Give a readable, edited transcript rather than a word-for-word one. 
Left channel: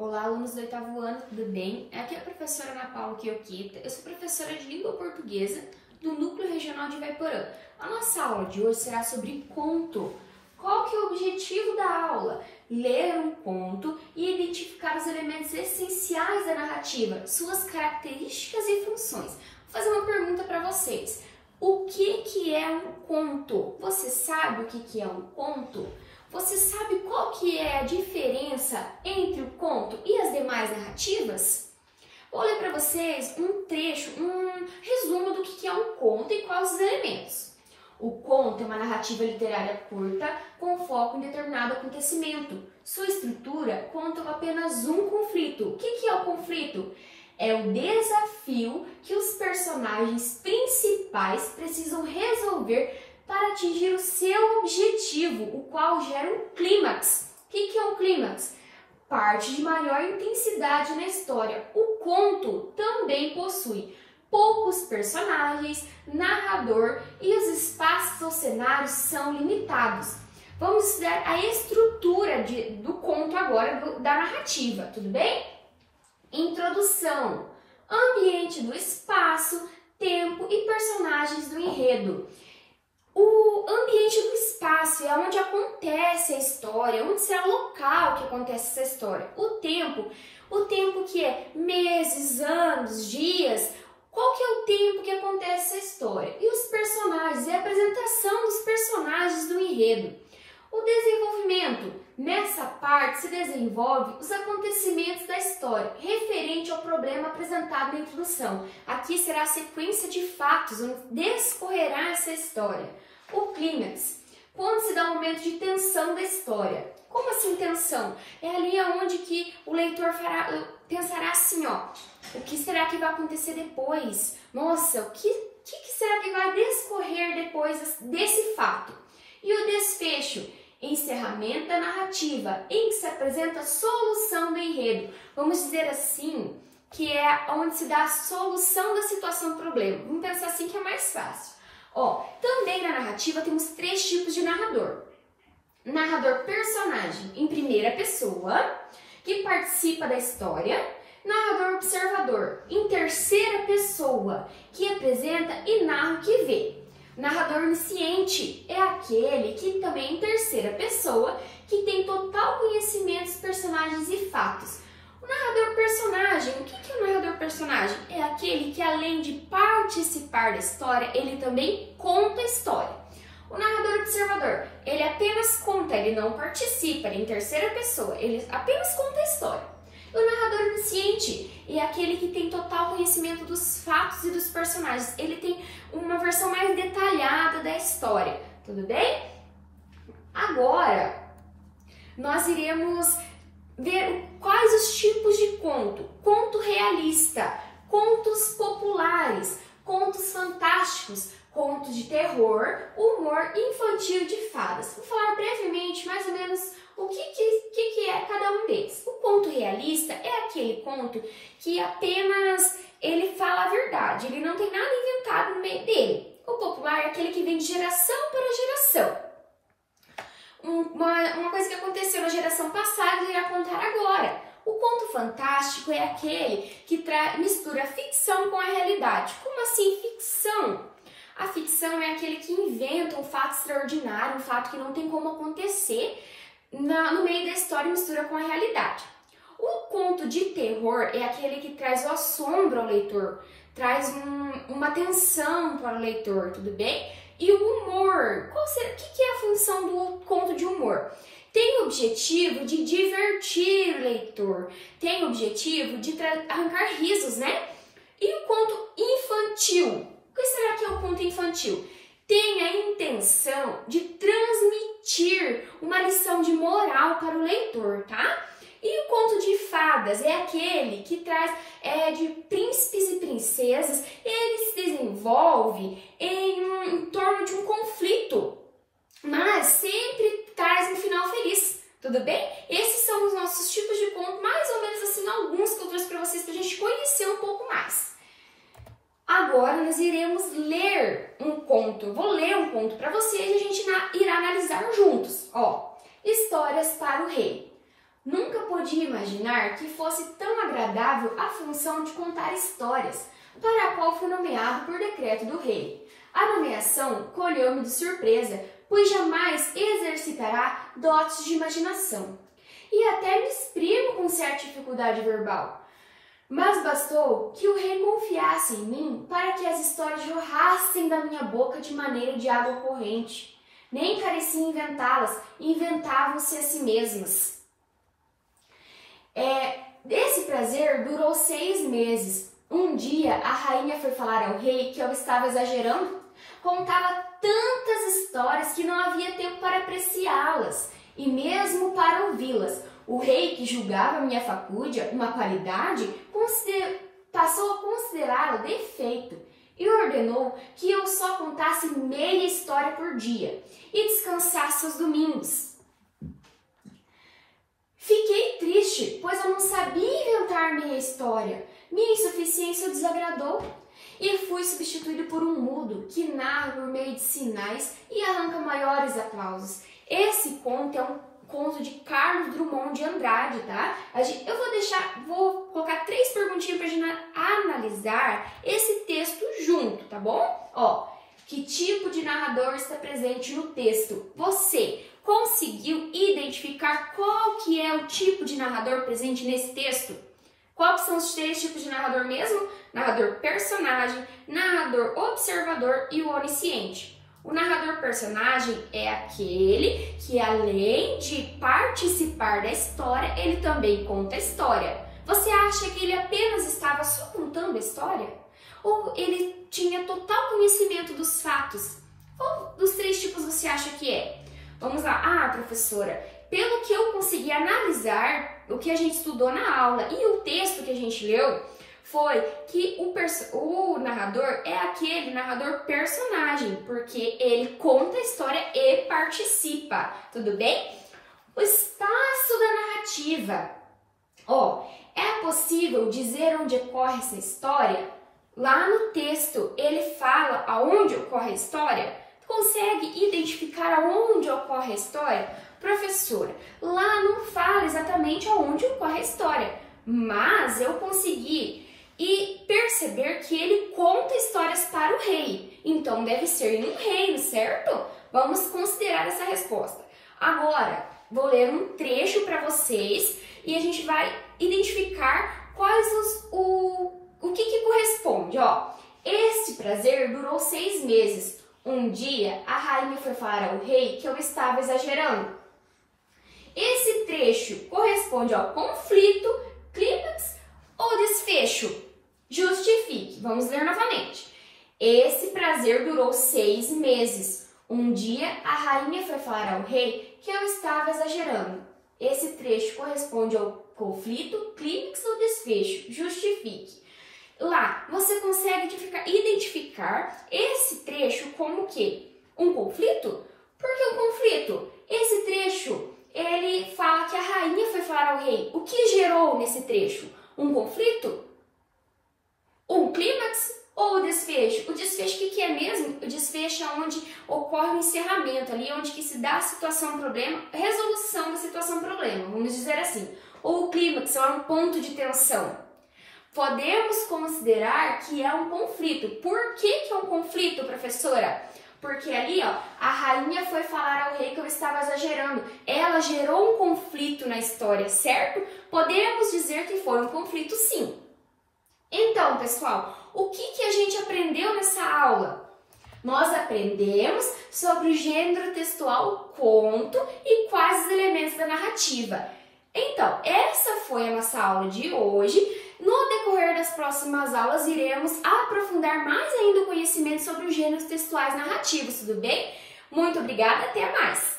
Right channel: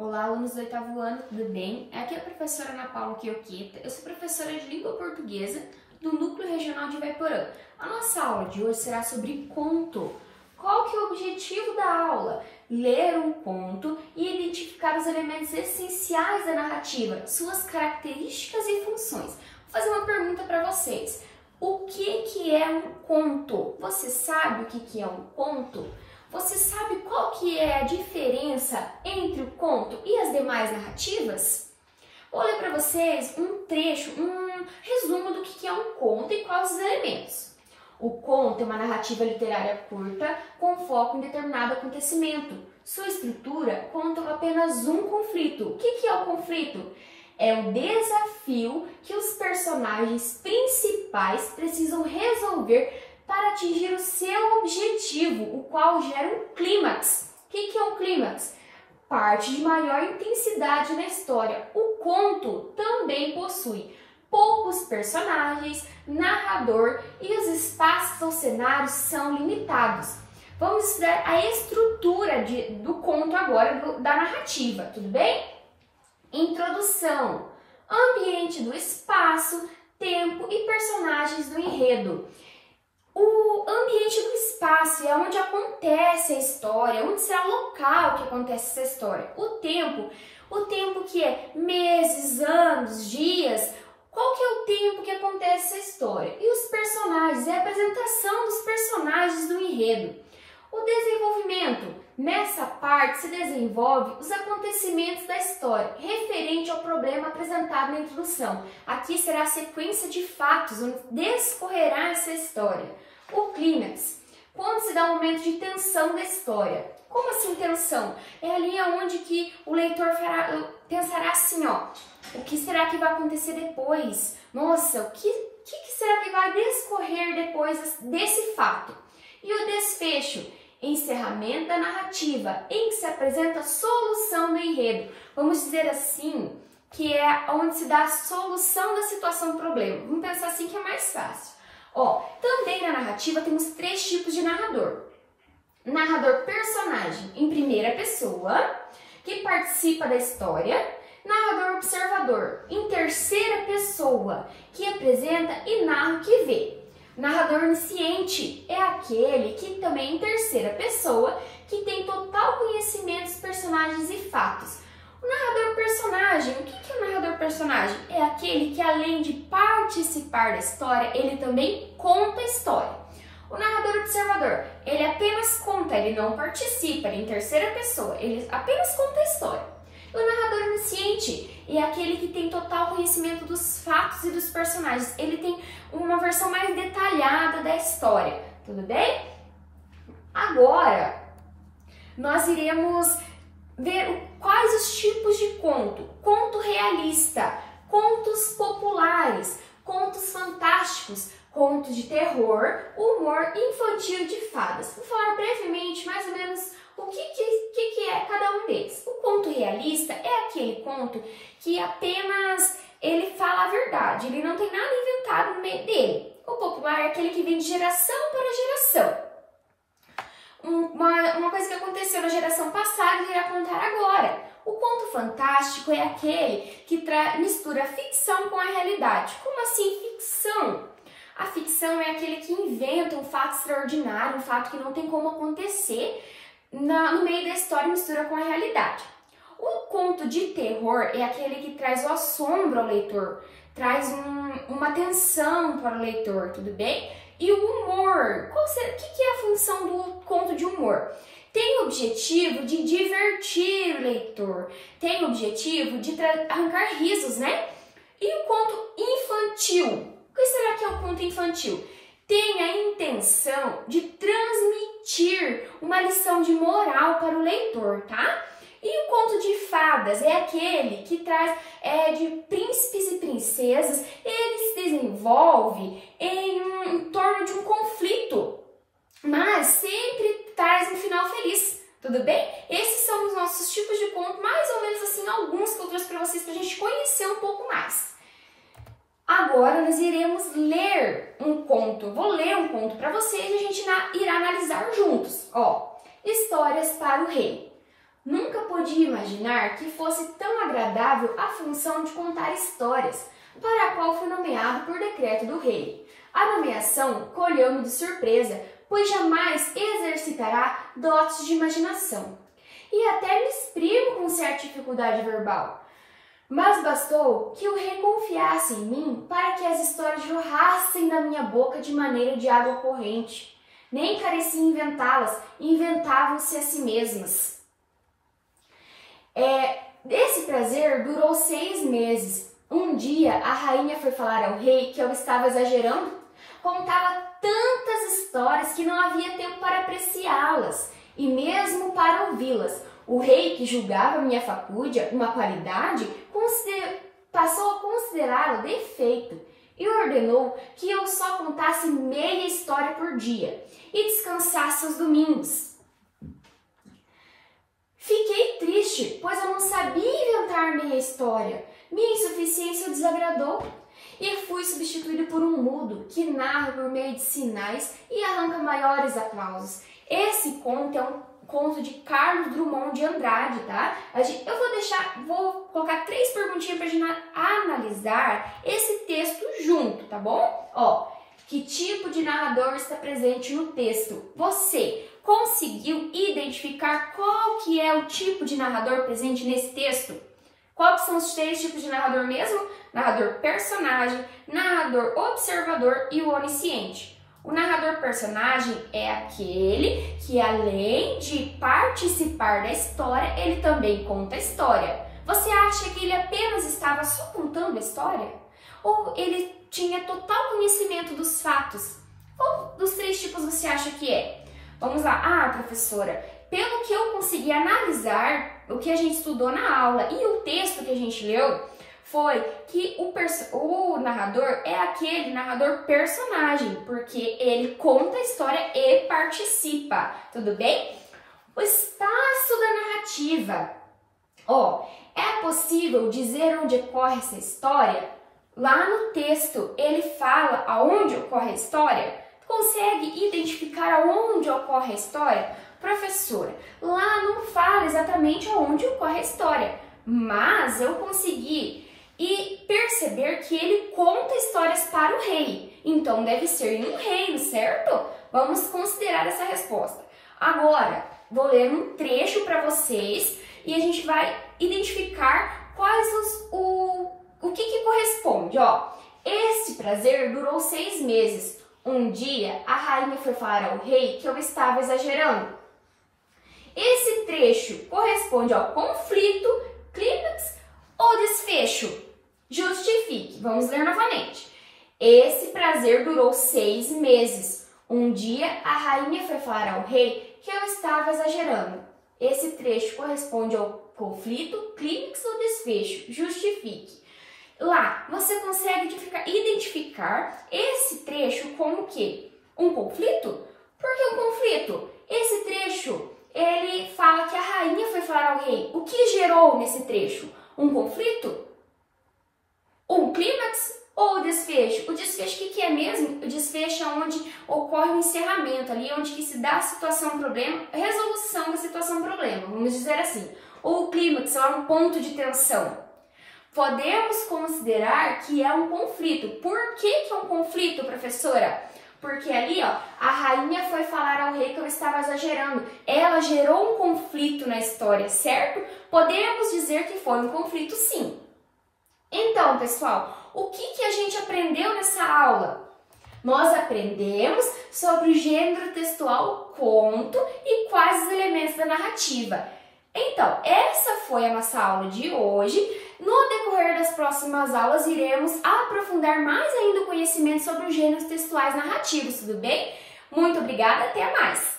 Olá, alunos do 8º ano, tudo bem? Aqui é a professora Ana Paula Quioqueta, eu sou professora de língua portuguesa do Núcleo Regional de Ivaiporã. A nossa aula de hoje será sobre conto. Qual que é o objetivo da aula? Ler um conto e identificar os elementos essenciais da narrativa, suas características e funções. Vou fazer uma pergunta para vocês. O que é um conto? Você sabe o que é um conto? Você sabe qual que é a diferença entre o conto e as demais narrativas? Vou ler para vocês um trecho, um resumo do que é um conto e quais os elementos. O conto é uma narrativa literária curta com foco em determinado acontecimento. Sua estrutura conta apenas um conflito. O que é o conflito? É o desafio que os personagens principais precisam resolver para atingir o seu objetivo, o qual gera um clímax. O que é um clímax? Parte de maior intensidade na história. O conto também possui poucos personagens, narrador e os espaços ou cenários são limitados. Vamos estudar a estrutura do conto agora, da narrativa, tudo bem? Introdução, ambiente do espaço, tempo e personagens do enredo. O ambiente do espaço é onde acontece a história, onde será o local que acontece essa história. O tempo que é meses, anos, dias, qual que é o tempo que acontece essa história? E os personagens, é a apresentação dos personagens do enredo. O desenvolvimento, nessa parte se desenvolve os acontecimentos da história, referente ao problema apresentado na introdução. Aqui será a sequência de fatos, onde discorrerá essa história. O clímax, quando se dá um momento de tensão da história. Como assim tensão? É ali onde que o leitor pensará assim, ó, o que será que vai acontecer depois? Nossa, o que será que vai discorrer depois desse fato? E o desfecho, encerramento da narrativa, em que se apresenta a solução do enredo. Vamos dizer assim, que é onde se dá a solução da situação do problema. Vamos pensar assim que é mais fácil. Ó, também na narrativa temos 3 tipos de narrador. Narrador personagem em primeira pessoa, que participa da história. Narrador observador em terceira pessoa, que apresenta e narra o que vê. Narrador onisciente é aquele que também em terceira pessoa, que tem total conhecimento dos personagens e fatos. O narrador personagem, o que é o narrador personagem? É aquele que além de participar da história, ele também conta a história. O narrador observador, ele apenas conta, ele não participa, ele é em terceira pessoa, ele apenas conta a história. O narrador onisciente é aquele que tem total conhecimento dos fatos e dos personagens. Ele tem uma versão mais detalhada da história, tudo bem? Agora, nós iremos ver quais os tipos de conto. Conto realista, contos populares, contos fantásticos, contos de terror, humor infantil e de fadas. Vou falar brevemente, mais ou menos, o que é cada um deles. O conto realista é aquele conto que apenas ele fala a verdade, ele não tem nada inventado no meio dele. O popular é aquele que vem de geração para geração. Uma coisa que aconteceu na geração passada e irá contar agora. O conto fantástico é aquele que mistura mistura com a realidade. Como assim ficção? A ficção é aquele que inventa um fato extraordinário, um fato que não tem como acontecer, no meio da história e mistura com a realidade. O conto de terror é aquele que traz o assombro ao leitor, traz uma tensão para o leitor, tudo bem? E o humor, o que é a função do conto de humor? Tem o objetivo de divertir o leitor, tem o objetivo de arrancar risos, né? E o conto infantil? O que será que é o conto infantil? Tem a intenção de transmitir uma lição de moral para o leitor, tá? E o conto de fadas é aquele que traz de príncipes e princesas, ele se desenvolve em torno de um conflito, mas sempre traz um final feliz, tudo bem? Esses são os nossos tipos de conto, mais ou menos assim, alguns que eu trouxe para vocês, para a gente conhecer um pouco mais. Agora nós iremos ler um conto, vou ler um conto para vocês e a gente irá analisar juntos. Ó, Histórias para o Rei. Nunca podia imaginar que fosse tão agradável a função de contar histórias, para a qual fui nomeado por decreto do rei. A nomeação colheu-me de surpresa, pois jamais exercitará dotes de imaginação. E até me exprimo com certa dificuldade verbal. Mas bastou que o rei confiasse em mim para que as histórias jorrassem da minha boca de maneira de água corrente. Nem carecia inventá-las, inventavam-se a si mesmas. Esse prazer durou 6 meses. Um dia, a rainha foi falar ao rei que eu estava exagerando. Contava tantas histórias que não havia tempo para apreciá-las e mesmo para ouvi-las. O rei, que julgava minha facúdia uma qualidade, passou a considerá-la defeito e ordenou que eu só contasse meia história por dia e descansasse aos domingos. Fiquei triste, pois eu não sabia inventar meia história. Minha insuficiência o desagradou e fui substituído por um mudo que narra por meio de sinais e arranca maiores aplausos. Esse conto é um conto de Carlos Drummond de Andrade, tá? Vou colocar 3 perguntinhas pra gente analisar esse texto junto, tá bom? Ó, que tipo de narrador está presente no texto? Você conseguiu identificar qual que é o tipo de narrador presente nesse texto? Quais são os 3 tipos de narrador mesmo? Narrador personagem, narrador observador e o onisciente. O narrador personagem é aquele que, além de participar da história, ele também conta a história. Você acha que ele apenas estava só contando a história? Ou ele tinha total conhecimento dos fatos? Qual dos 3 tipos você acha que é? Vamos lá. Ah, professora, pelo que eu consegui analisar o que a gente estudou na aula e o texto que a gente leu, foi que o narrador é aquele narrador personagem, porque ele conta a história e participa, tudo bem? O espaço da narrativa. Ó, é possível dizer onde ocorre essa história? Lá no texto, ele fala aonde ocorre a história? Consegue identificar aonde ocorre a história? Professora, lá não fala exatamente aonde ocorre a história, mas eu consegui perceber que ele conta histórias para o rei. Então, deve ser em um reino, certo? Vamos considerar essa resposta. Agora, vou ler um trecho para vocês e a gente vai identificar o que corresponde. Ó, este prazer durou 6 meses. Um dia, a rainha foi falar ao rei que eu estava exagerando. Esse trecho corresponde ao conflito, clímax ou desfecho? Justifique. Vamos ler novamente. Esse prazer durou 6 meses. Um dia, a rainha foi falar ao rei que eu estava exagerando. Esse trecho corresponde ao conflito, clímax ou desfecho? Justifique. Lá, você consegue identificar esse trecho como o quê? Um conflito? Por que um conflito? Esse trecho, ele fala que a rainha foi falar ao rei. O que gerou nesse trecho? Um conflito? Um clímax ou o desfecho? O desfecho, o que é mesmo? O desfecho é onde ocorre o encerramento, ali onde que se dá a situação-problema, resolução da situação-problema, vamos dizer assim. Ou o clímax é um ponto de tensão. Podemos considerar que é um conflito. Por que é um conflito, professora? Porque ali, ó, a rainha foi falar ao rei que eu estava exagerando. Ela gerou um conflito na história, certo? Podemos dizer que foi um conflito, sim. Então, pessoal, o que a gente aprendeu nessa aula? Nós aprendemos sobre o gênero textual conto e quais os elementos da narrativa. Então, essa foi a nossa aula de hoje. No decorrer das próximas aulas, iremos aprofundar mais ainda o conhecimento sobre os gêneros textuais narrativos, tudo bem? Muito obrigada, até mais!